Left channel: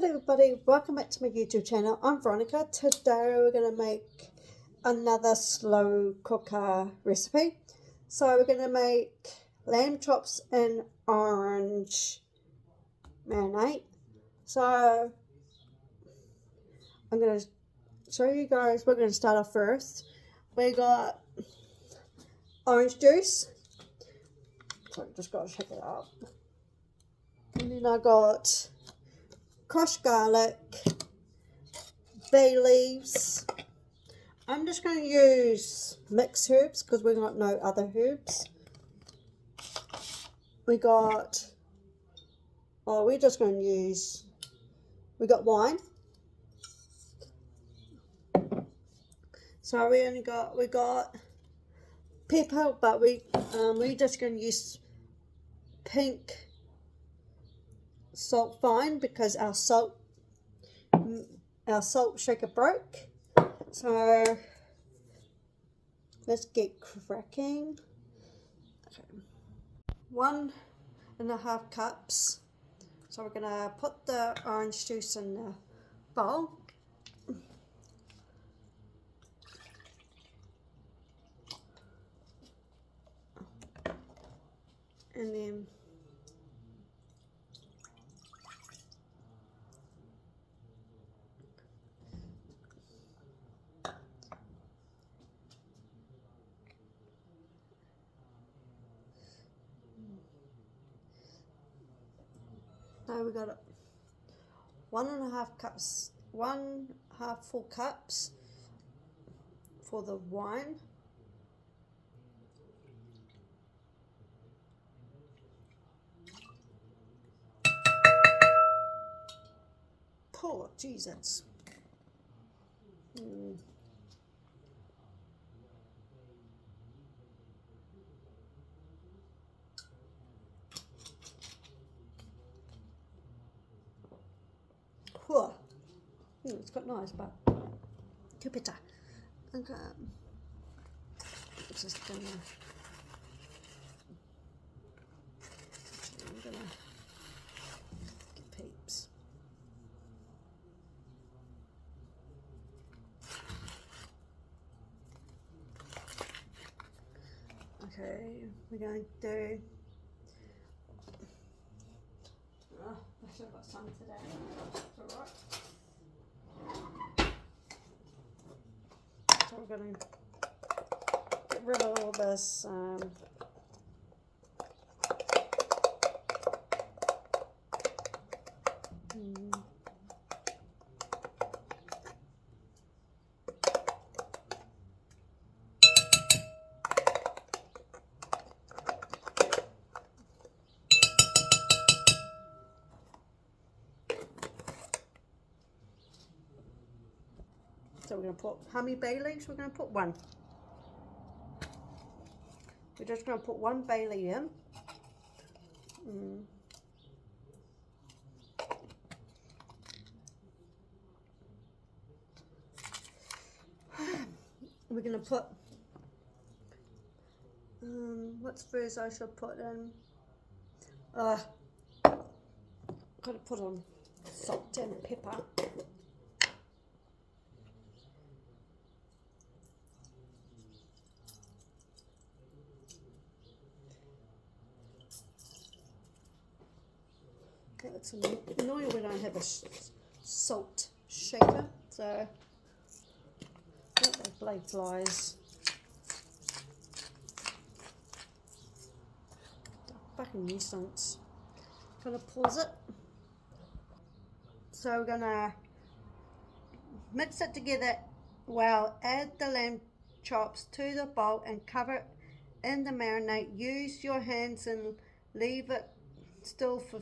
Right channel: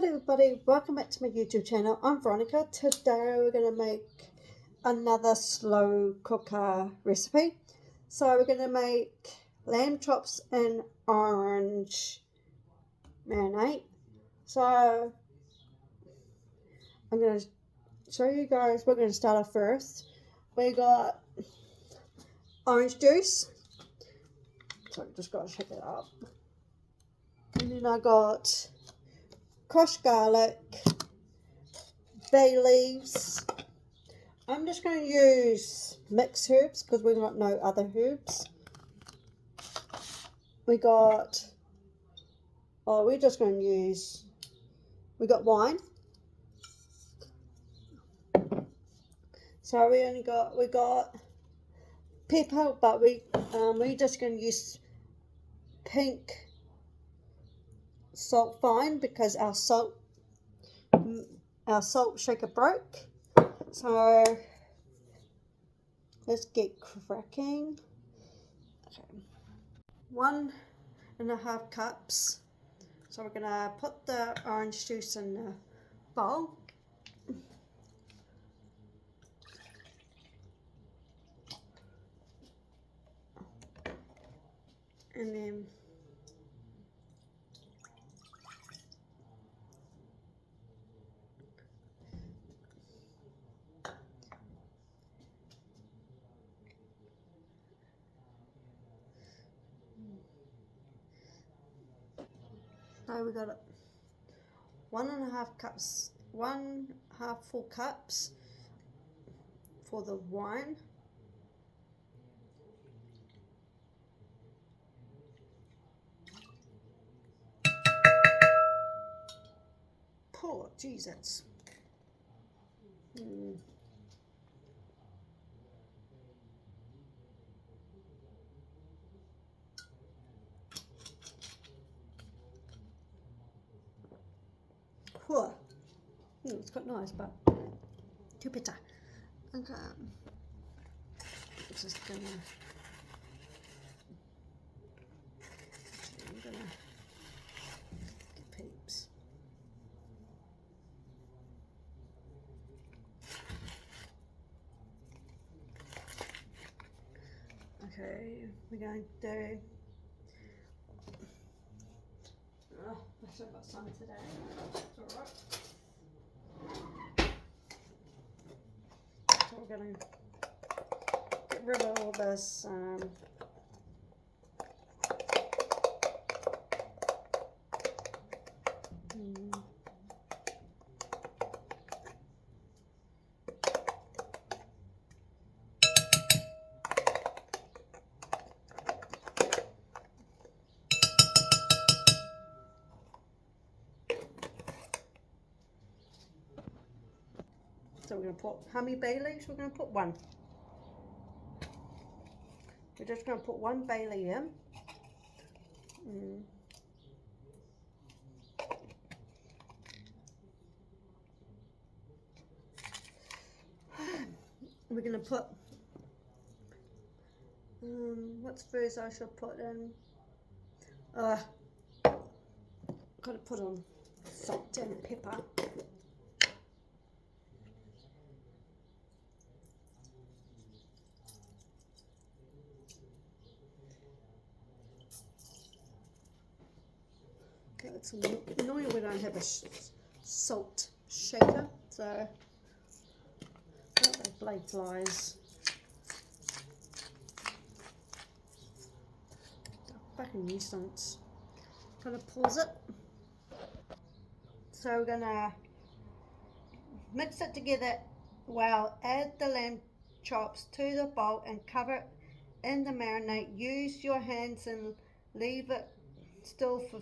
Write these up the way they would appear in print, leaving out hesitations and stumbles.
Hello everybody, welcome back to my YouTube channel. I'm Veronica. Today we're going to make another slow cooker recipe. So we're going to make lamb chops in orange marinade. So I'm going to show you guys, we're going to start off first. We got orange juice. So I just got to shake it up. And then I got crushed garlic, bay leaves. I'm just going to use mixed herbs because we've got no other herbs. We're just going to use, we got wine. So we got pepper, but we're just going to use pink salt fine because our salt shaker broke. So let's get cracking. Okay. 1.5 cups. So we're gonna put the orange juice in the bowl. And then now we got 1.5 cups, 1/2 full cups for the wine. Oh, Jesus. Whoa. It's quite nice, but too bitter. Okay. I'm just gonna. I'm gonna get peeps. Okay, we're going to do. Oh, I should have got some today. It's alright. So we're going to get rid of all this so we're going to put, how many bay leaves? We're going to put one. We're just going to put one bay leaf in. We're going to put, what's first I should put in? Got to put on salt and pepper. Okay, it's annoying we don't have a salt shaker, so that blade flies. Fucking nuisance. Gonna pause it. So we're gonna mix it together. Well, add the lamb chops to the bowl and cover it in the marinade. Use your hands and leave it still for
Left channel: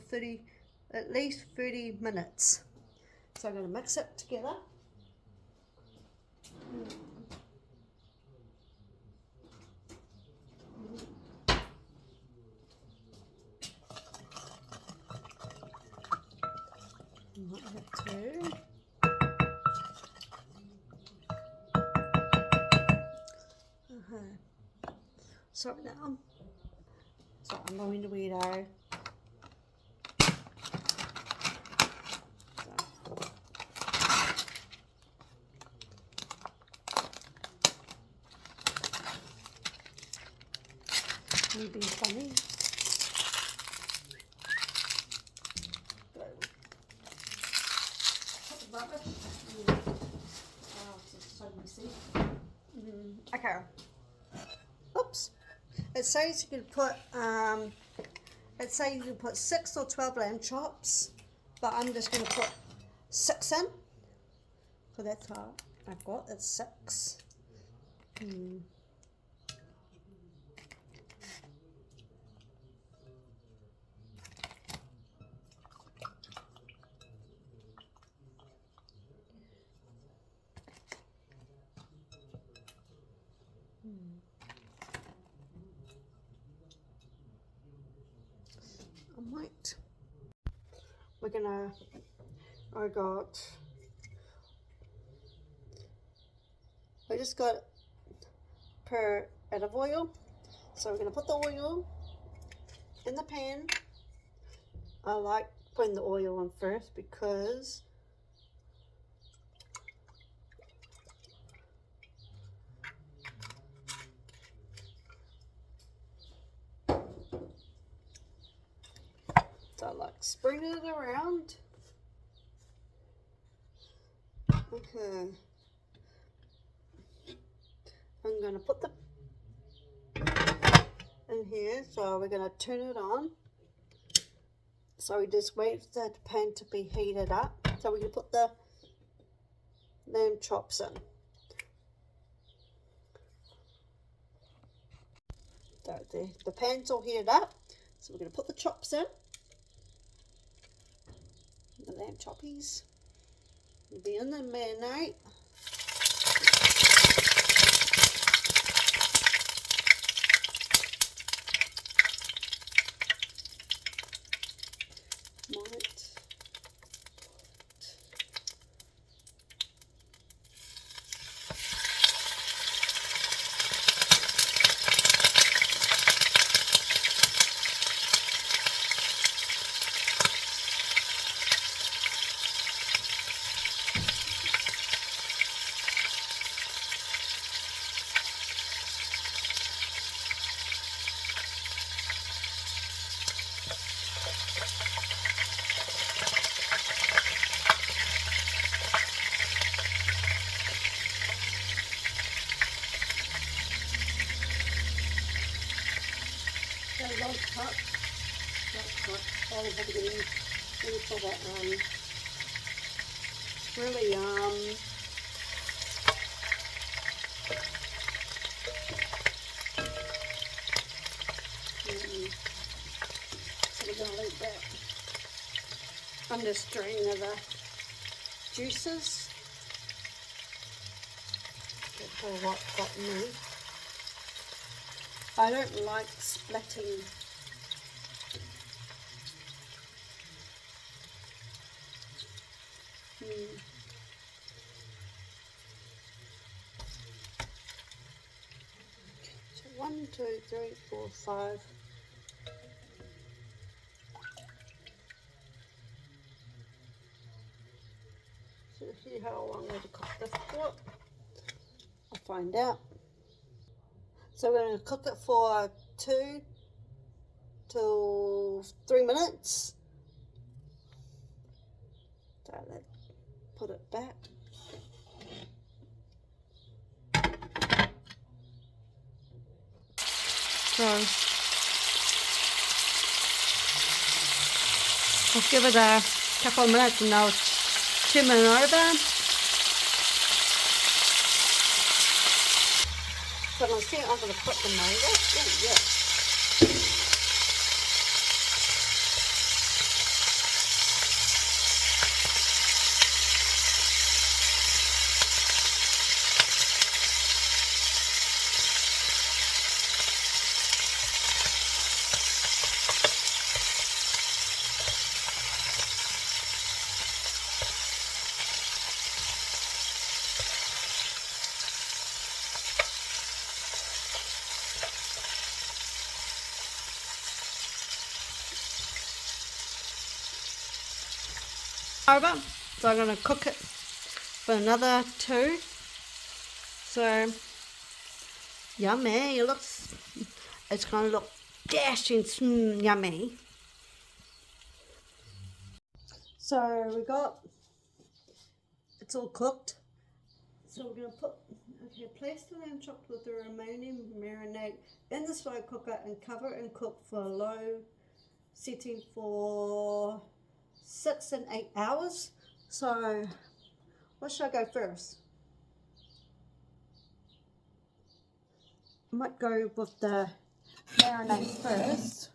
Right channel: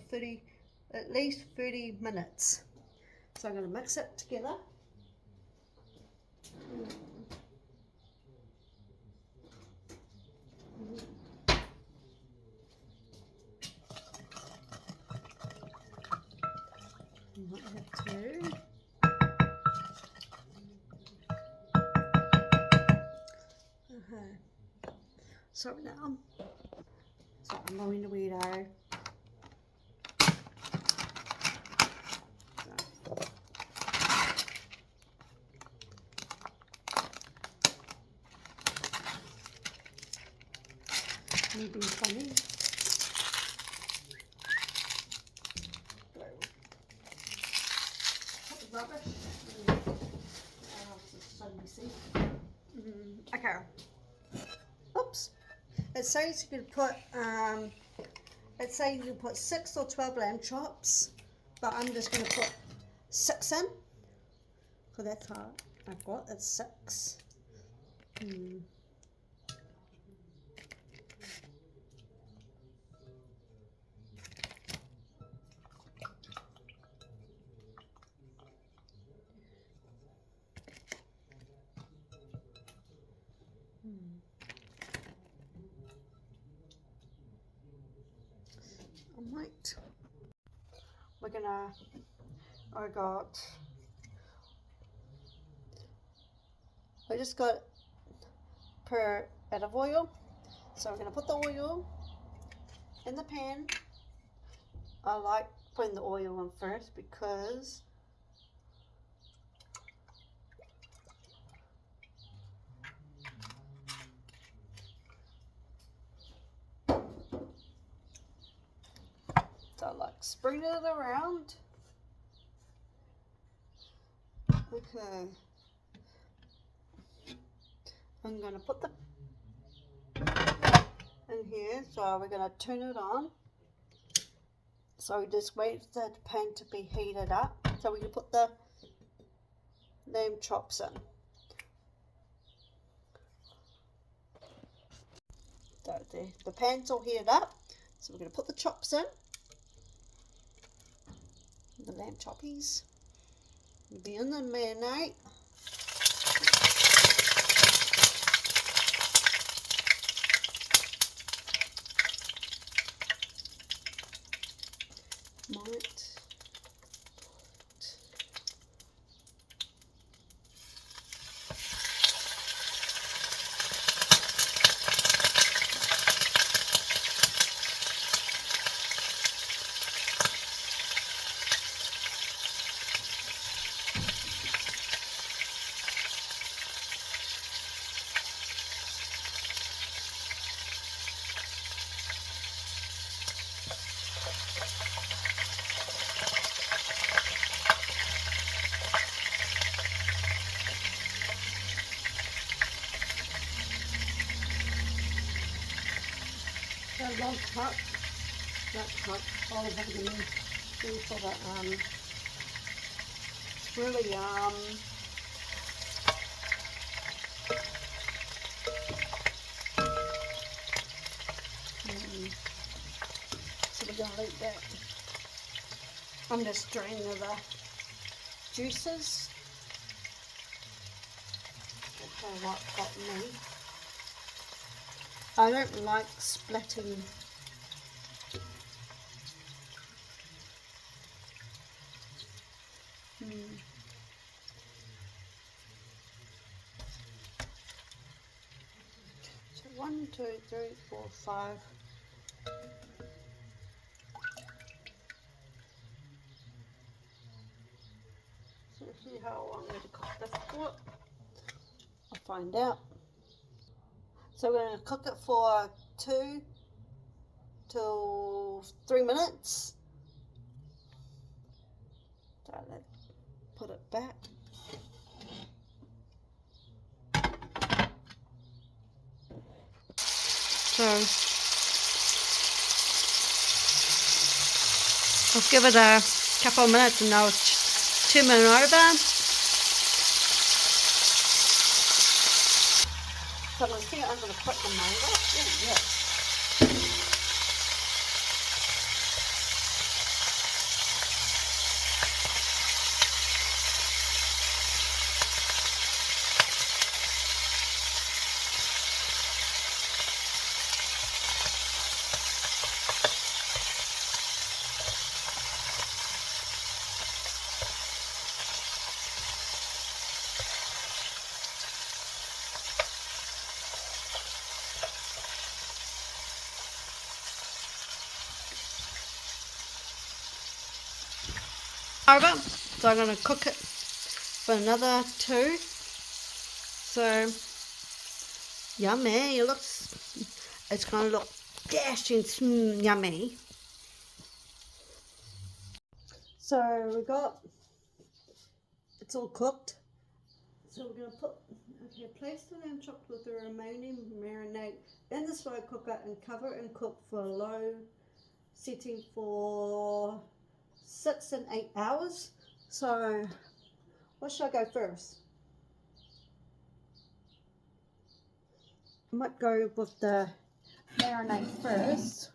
at least 30 minutes. So I'm gonna mix it together. Might have to. Sorry now. So I'm going to weirdo. So Me being funny. Rubbish. Oh, this is so messy. Okay. Oops. It says you can put it says you can put 6 or 12 lamb chops, but I'm just going to put 6 in, because that's how I've got. It's 6. I might. I just got per bit of oil, so we're gonna put the oil in the pan. I like putting the oil on first because so I like spread it around. Okay, I'm gonna put the in here, so we're gonna turn it on. So we just wait for the pan to be heated up, so we can put the lamb chops in. So the pan's all heated up, so we're gonna put the chops in. The lamb choppies will be in the marinade. One cup, all of it in, for that really so we're gonna leave that. I'm just draining the juices. That's all what got me. I don't like splitting So 1, 2, 3, 4, 5. So see how long I'm going to cook this for. I'll find out. So we're going to cook it for 2 to 3 minutes. So let's put it back. So I'll give it a couple of minutes and now it's 2 minutes over. So I'm going to put the mango. Ooh, yeah. Over, so I'm going to cook it for another 2. So yummy! It's going to look dashing yummy. So we got, it's all cooked. So we're going to put, okay, place the lamb chops with the remaining marinade in the slow cooker and cover and cook for a low setting for 6 and 8 hours. So what should I go first? I might go with the marinade first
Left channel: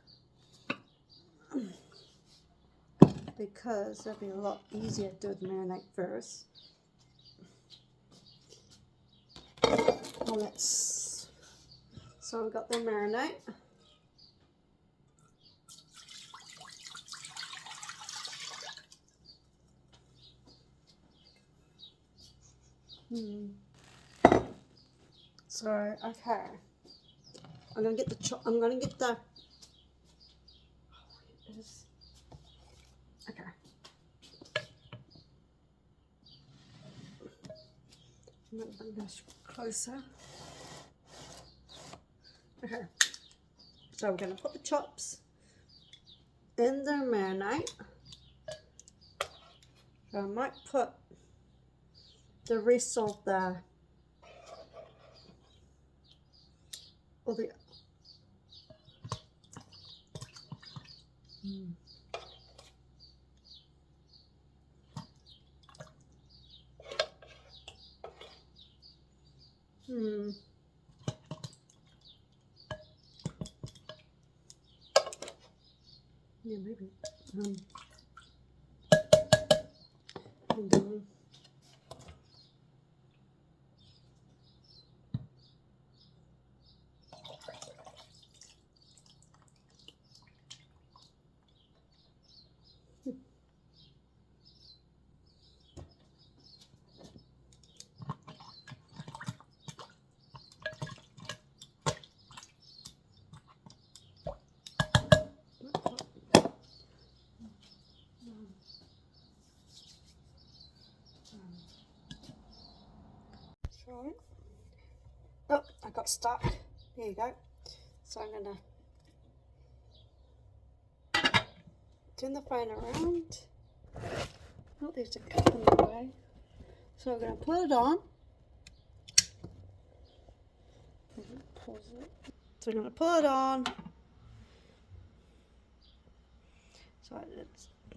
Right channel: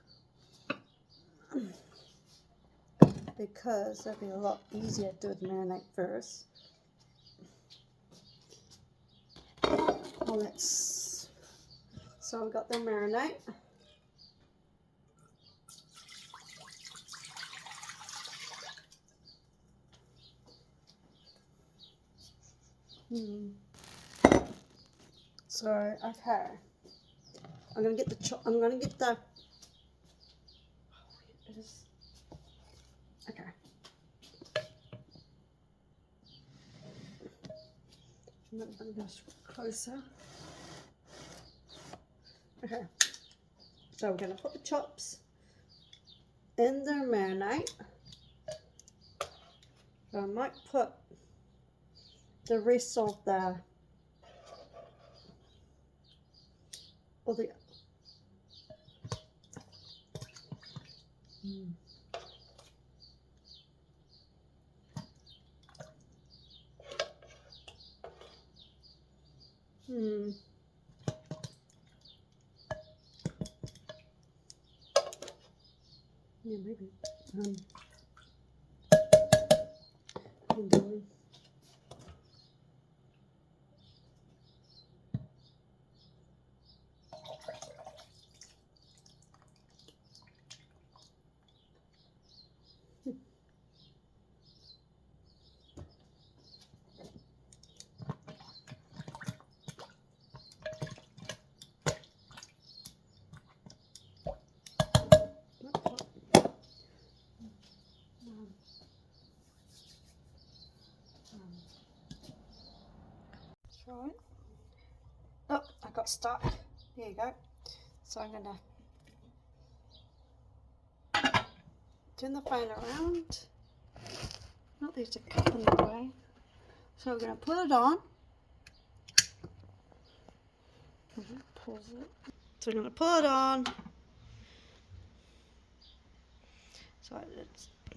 because that'd be a lot easier to do the marinade first. Well, so we've got the marinade. So okay, I'm gonna get the okay. I'm gonna bring this closer. Okay, so we're gonna put the chops in the marinade. So I might put the rest of the yeah, maybe. And then right. Oh, I got stuck. There you go. So I'm gonna turn the phone around. Not there's a cup in the way. So we're gonna put it on. So we're gonna put it on. So I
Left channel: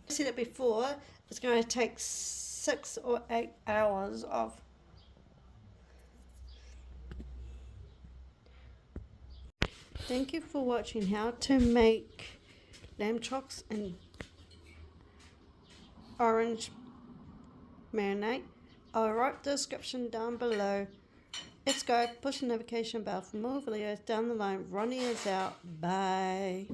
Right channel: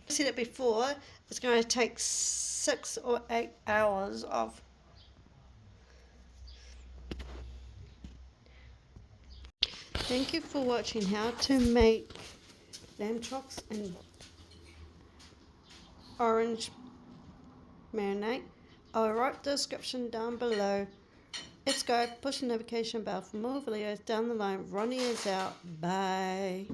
said it before, it's going to take 6 or 8 hours of Thank you for watching how to make lamb chops and orange marinade. I'll write the description down below. Let's go. Push the notification bell for more videos down the line. Ronnie is out. Bye.